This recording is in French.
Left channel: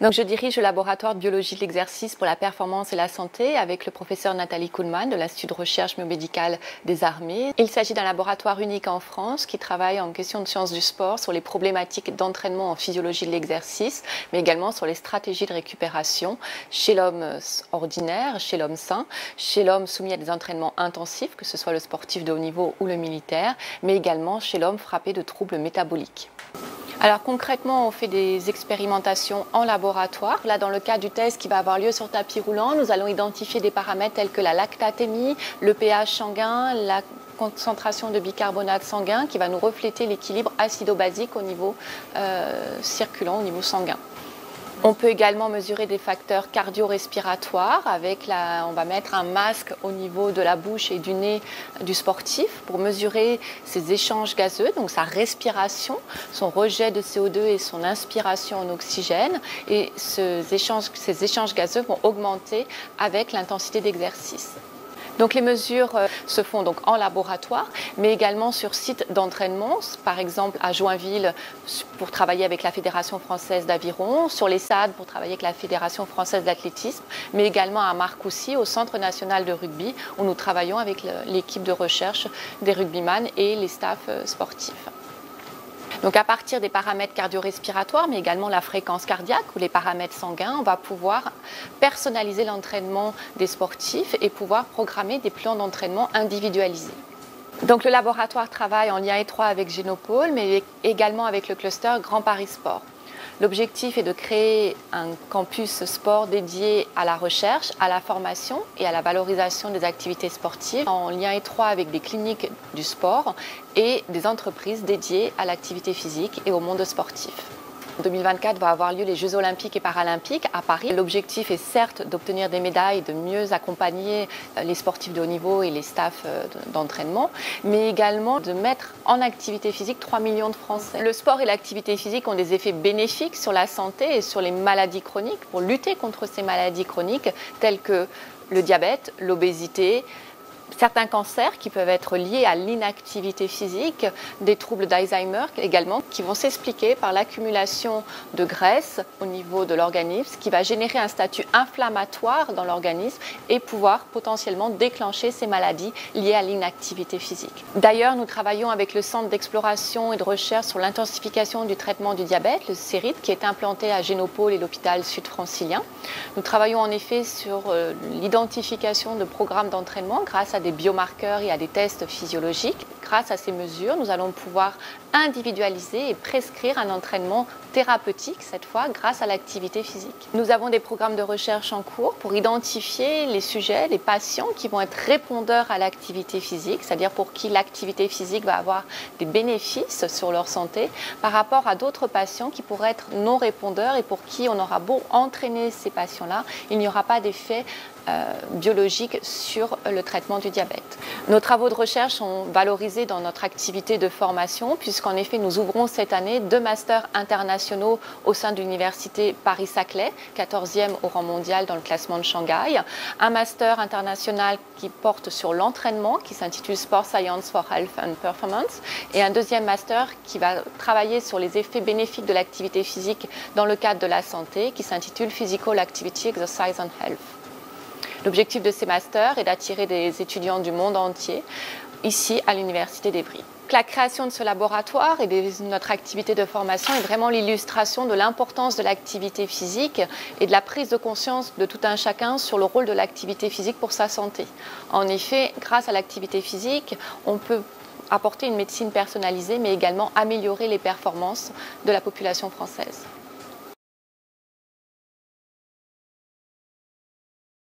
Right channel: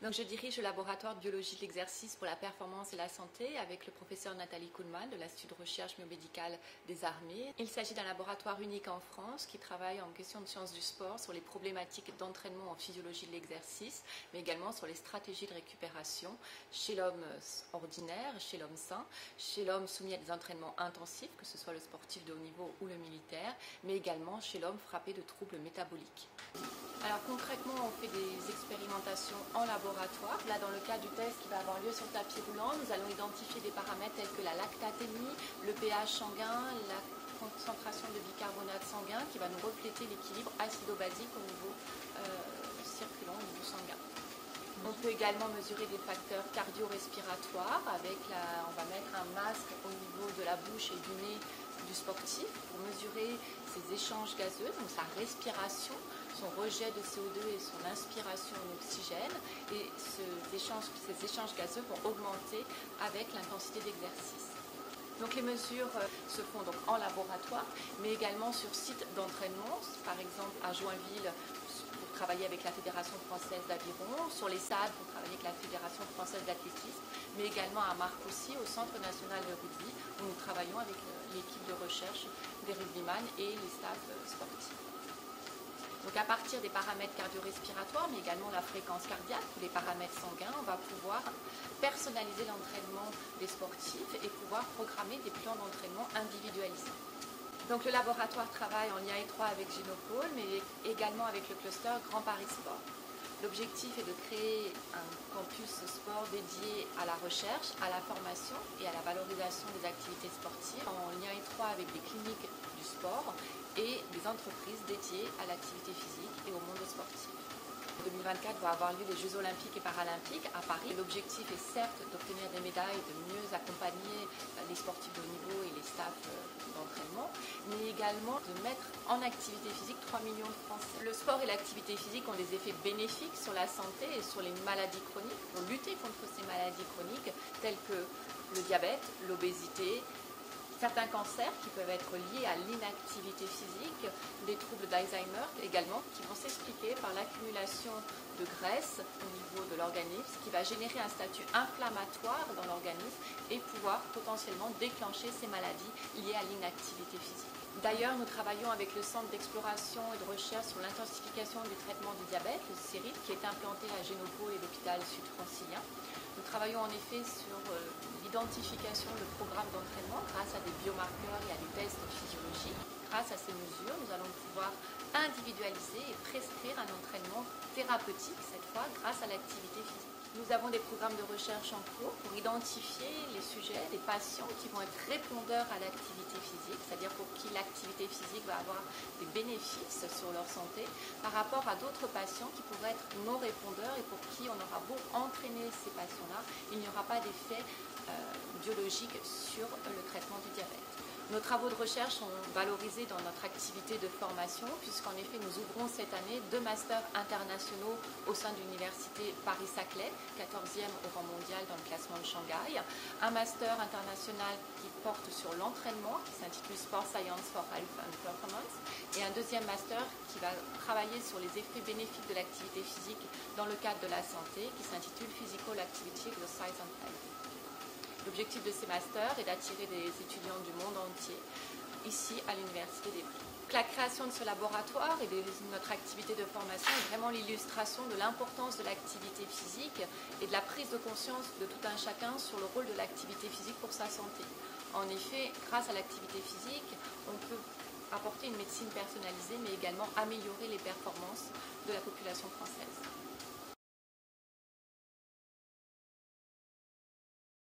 Donc, je dirige le laboratoire de biologie de l'exercice pour la performance et la santé avec le professeur Nathalie Kuhlmann de l'Institut de recherche biomédicale des armées. Il s'agit d'un laboratoire unique en France qui travaille en question de sciences du sport sur les problématiques d'entraînement en physiologie de l'exercice, mais également sur les stratégies de récupération chez l'homme ordinaire, chez l'homme sain, chez l'homme soumis à des entraînements intensifs, que ce soit le sportif de haut niveau ou le militaire, mais également chez l'homme frappé de troubles métaboliques. Alors concrètement, on fait des expérimentations en laboratoire. Là, dans le cadre du test qui va avoir lieu sur tapis roulant, nous allons identifier des paramètres tels que la lactatémie, le pH sanguin, la concentration de bicarbonate sanguin qui va nous refléter l'équilibre acido-basique au niveau circulant, au niveau sanguin. On peut également mesurer des facteurs cardio-respiratoires on va mettre un masque au niveau de la bouche et du nez du sportif pour mesurer ses échanges gazeux, donc sa respiration, son rejet de CO2 et son inspiration en oxygène. Et ces échanges gazeux vont augmenter avec l'intensité d'exercice. Donc les mesures se font donc en laboratoire, mais également sur site d'entraînement, par exemple à Joinville pour travailler avec la Fédération française d'aviron, sur les SAD pour travailler avec la Fédération française d'athlétisme, mais également à Marcoussis, au Centre national de rugby, où nous travaillons avec l'équipe de recherche des rugbyman et les staffs sportifs. Donc à partir des paramètres cardio-respiratoires, mais également la fréquence cardiaque ou les paramètres sanguins, on va pouvoir personnaliser l'entraînement des sportifs et pouvoir programmer des plans d'entraînement individualisés. Donc le laboratoire travaille en lien étroit avec Génopôle, mais également avec le cluster Grand Paris Sport. L'objectif est de créer un campus sport dédié à la recherche, à la formation et à la valorisation des activités sportives en lien étroit avec des cliniques du sport et des entreprises dédiées à l'activité physique et au monde sportif. En 2024 va avoir lieu les Jeux olympiques et paralympiques à Paris. L'objectif est certes d'obtenir des médailles, de mieux accompagner les sportifs de haut niveau et les staffs d'entraînement, mais également de mettre en activité physique 3 millions de Français. Le sport et l'activité physique ont des effets bénéfiques sur la santé et sur les maladies chroniques pour lutter contre ces maladies chroniques telles que le diabète, l'obésité, certains cancers qui peuvent être liés à l'inactivité physique, des troubles d'Alzheimer également, qui vont s'expliquer par l'accumulation de graisse au niveau de l'organisme, qui va générer un statut inflammatoire dans l'organisme et pouvoir potentiellement déclencher ces maladies liées à l'inactivité physique. D'ailleurs, nous travaillons avec le Centre d'exploration et de recherche sur l'intensification du traitement du diabète, le CERID, qui est implanté à Génopôle et l'hôpital sud-francilien. Nous travaillons en effet sur l'identification de programmes d'entraînement grâce à des biomarqueurs et à des tests physiologiques. Grâce à ces mesures, nous allons pouvoir individualiser et prescrire un entraînement thérapeutique, cette fois grâce à l'activité physique. Nous avons des programmes de recherche en cours pour identifier les sujets, les patients qui vont être répondeurs à l'activité physique, c'est-à-dire pour qui l'activité physique va avoir des bénéfices sur leur santé par rapport à d'autres patients qui pourraient être non répondeurs et pour qui on aura beau entraîner ces patients-là, il n'y aura pas d'effet biologique sur le traitement du diabète. Nos travaux de recherche sont valorisés dans notre activité de formation puisqu'en effet nous ouvrons cette année 2 masters internationaux au sein de l'université Paris-Saclay, 14e au rang mondial dans le classement de Shanghai, un master international qui porte sur l'entraînement qui s'intitule Sport Science for Health and Performance et un deuxième master qui va travailler sur les effets bénéfiques de l'activité physique dans le cadre de la santé qui s'intitule Physical Activity, Exercise and Health. L'objectif de ces masters est d'attirer des étudiants du monde entier ici à l'Université d'Evry. La création de ce laboratoire et de notre activité de formation est vraiment l'illustration de l'importance de l'activité physique et de la prise de conscience de tout un chacun sur le rôle de l'activité physique pour sa santé. En effet, grâce à l'activité physique, on peut apporter une médecine personnalisée mais également améliorer les performances de la population française.